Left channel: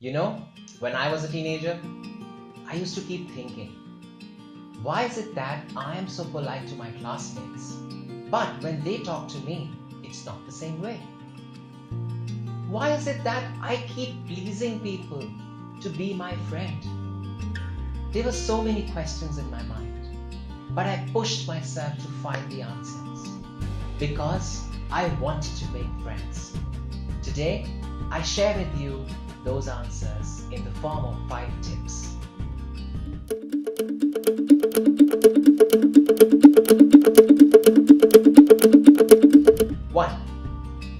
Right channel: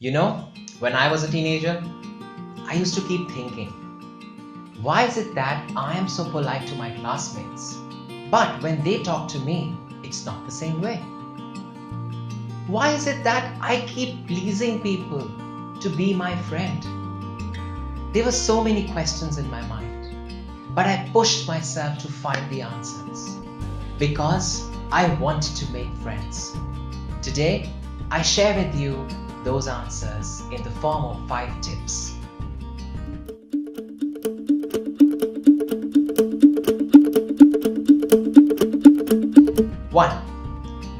You know, when I was a teenager, I used to keep thinking, why is it that I am so polite to my classmates, but when they talk to me, it's not the same way? Why is it that I keep pleasing people to be my friend? There were so many questions in my mind, but I pushed myself to find the answers because I wanted to make friends. Today, I share with you those answers in the form of 5 tips. One,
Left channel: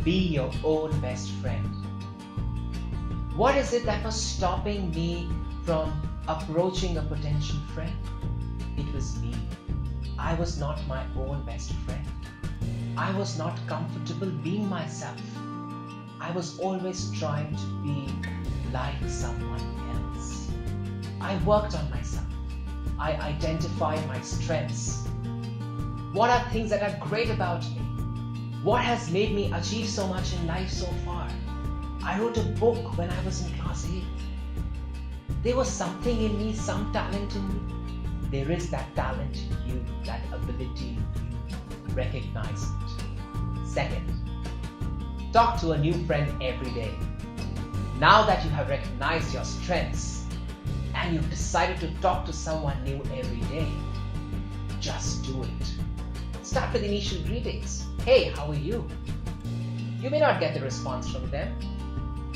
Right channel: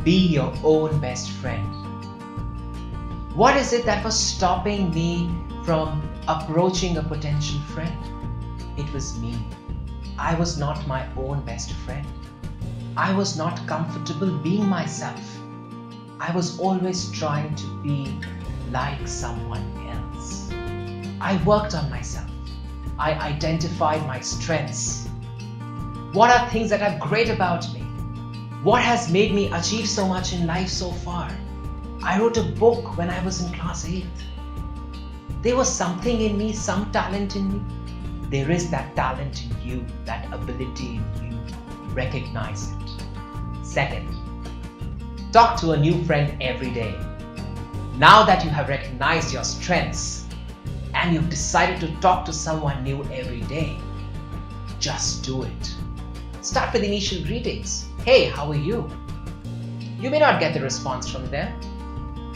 be your own best friend. What is it that was stopping me from approaching a potential friend? It was me. I was not my own best friend. I was not comfortable being myself. I was always trying to be like someone else. I worked on myself. I identified my strengths. What are things that are great about me? What has made me achieve so much in life so far? I wrote a book when I was in class 8th. There was something in me, some talent in me. There is that talent in you, that ability in you. Recognize it. Second, talk to a new friend every day. Now that you have recognized your strengths and you've decided to talk to someone new every day, just do it. Start with initial greetings. Hey, how are you? You may not get the response from them,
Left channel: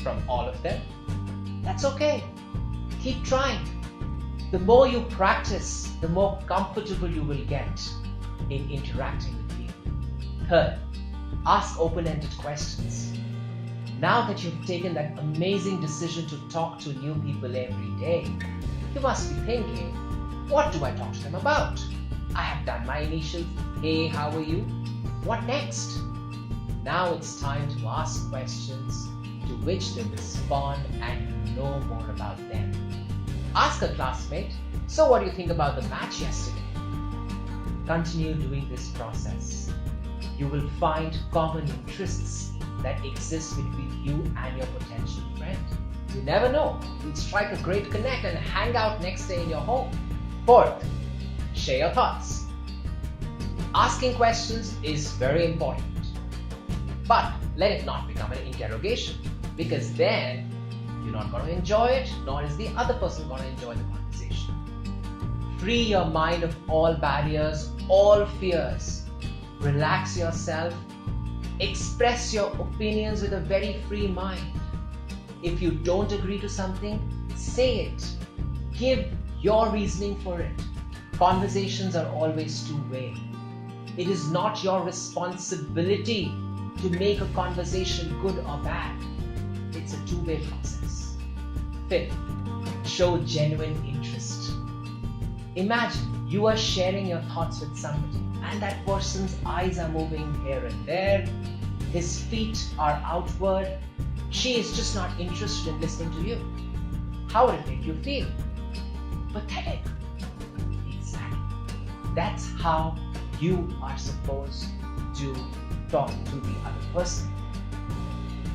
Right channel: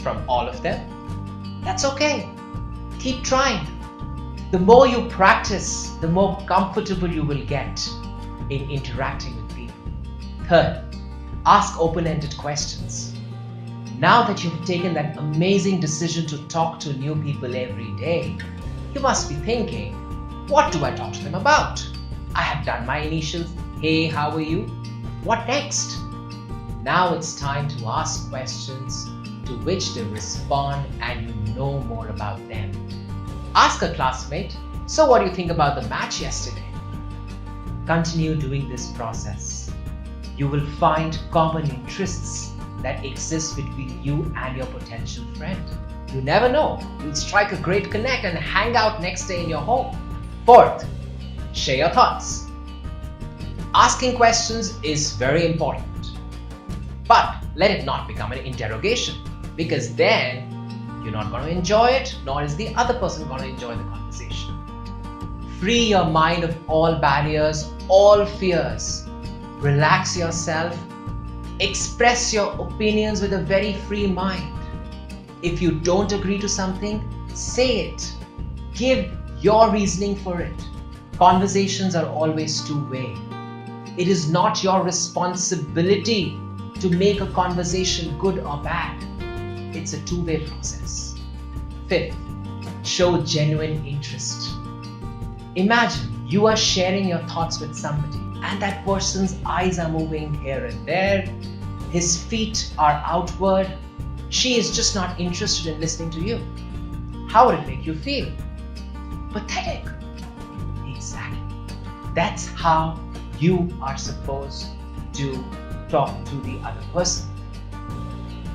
from all of them. That's okay. Keep trying. The more you practice, the more comfortable you will get in interacting with people. Third, ask open-ended questions. Now that you've taken that amazing decision to talk to new people every day, you must be thinking, what do I talk to them about? I have done my initials. Hey, how are you? What next? Now it's time to ask questions to which they respond and you know more about them. Ask a classmate, so what do you think about the match yesterday? Continue doing this process. You will find common interests that exist between you and your potential friend. You never know, you'll strike a great connect and hang out next day in your home. Fourth, share your thoughts. Asking questions is very important, but let it not become an interrogation, because then you're not going to enjoy it, nor is the other person going to enjoy the conversation. Free your mind of all barriers, all fears. Relax yourself. Express your opinions with a very free mind. If you don't agree to something, say it. Give your reasoning for it. Conversations are always two-way. It is not your responsibility to make a conversation good or bad. It's a two-way process. Fifth, show genuine interest. Imagine you are sharing your thoughts with somebody and that person's eyes are moving here and there, his feet are outward, she is just not interested in listening to you. How would it make you feel? Pathetic. Exactly. That's how you are supposed to talk to the other person.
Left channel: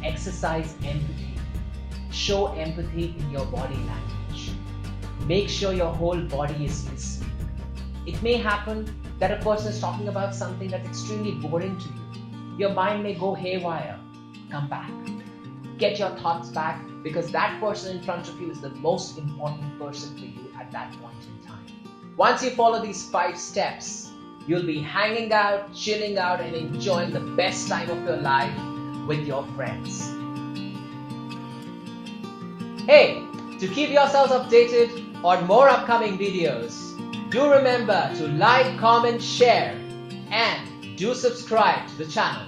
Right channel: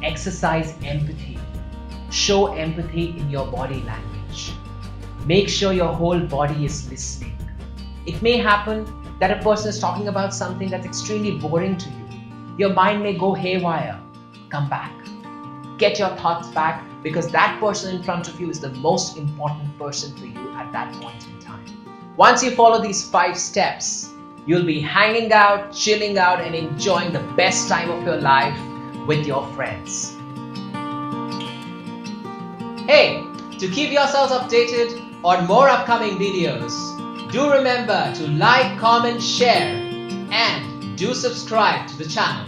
Exercise empathy. Show empathy in your body language. Make sure your whole body is listening. It may happen that a person is talking about something that's extremely boring to you. Your mind may go haywire. Come back. Get your thoughts back, because that person in front of you is the most important person for you at that point in time. Once you follow these 5 steps, you'll be hanging out, chilling out, and enjoying the best time of your life with your friends. Hey, to keep yourselves updated on more upcoming videos, do remember to like, comment, share, and do subscribe to the channel.